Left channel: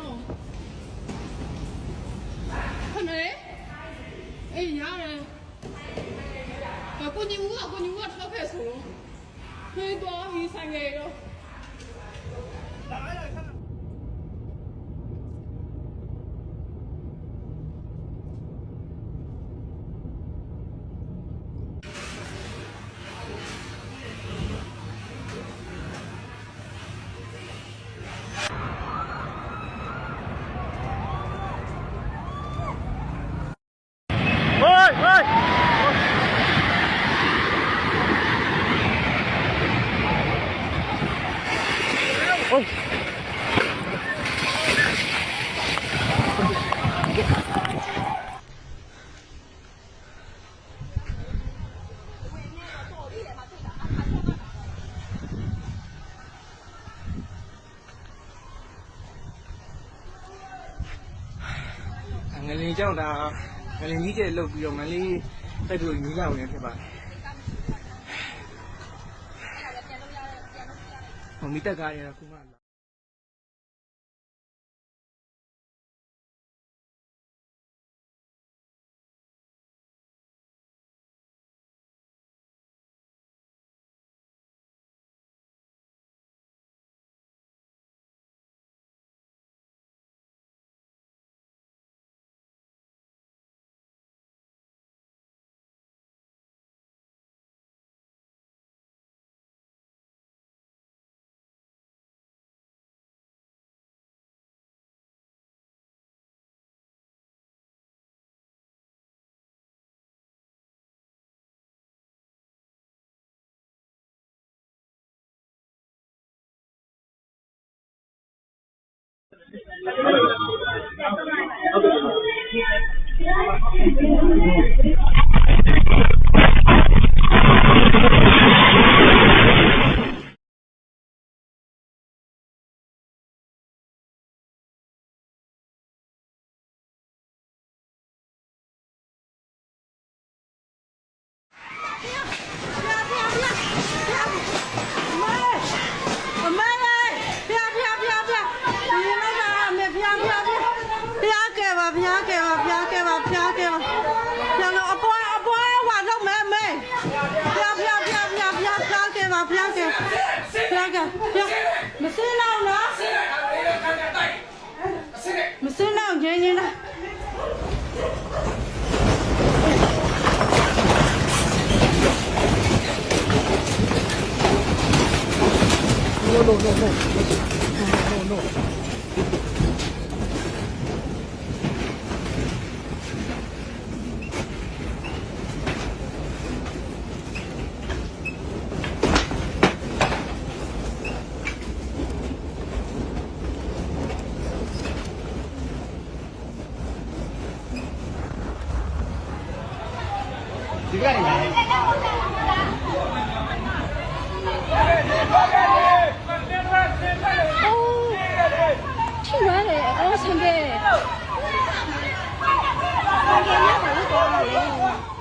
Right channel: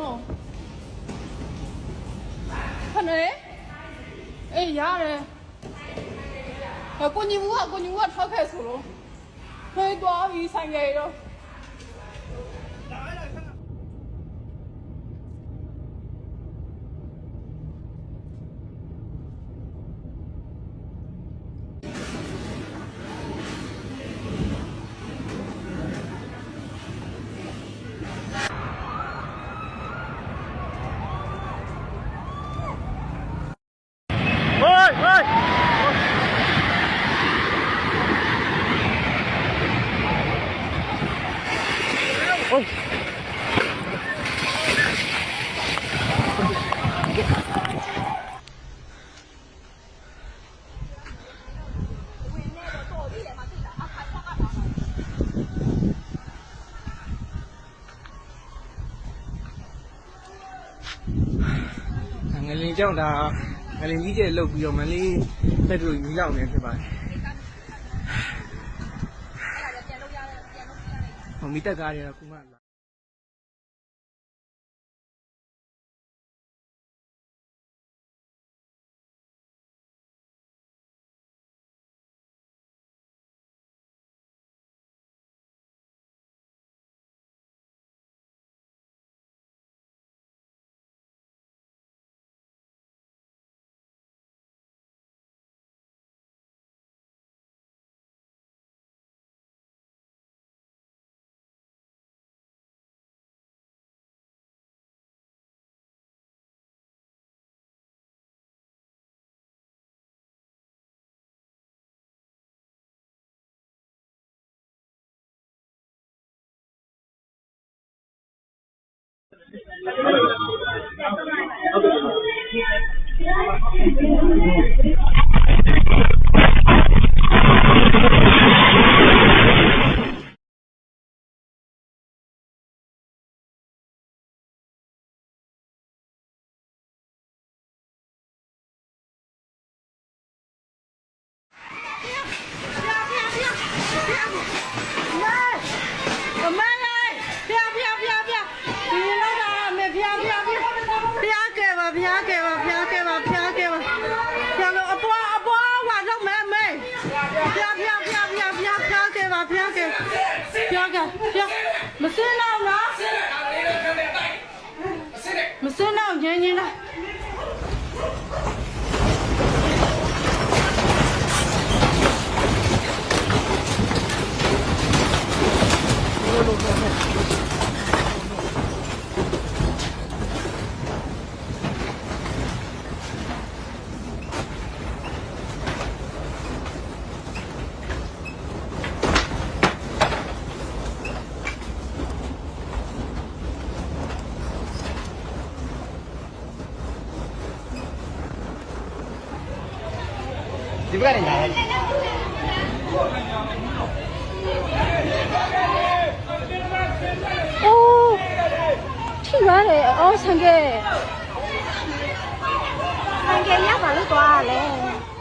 နော်ခဏအေးရတယ်ကိုညီမကထောက်ခဲ့ဆိုလို့ဖေးသွားပြီးဆိုင်ရတော့ငလင်ကြောင့်ဒါငလင်ကြီးကျဲလုတ်ပြီးတော့မလေးတက်တူမီးလောင်နေဖြစ်ပါတယ်ဟိုမီးတက်ကားတွေကတော့ခုမှလာမစင်းတော့နော်မစင်းတော့ငင်းနေတာဒီကနေလာတယ်哦，去哪里？哦，上边。上边要把路过来嘞。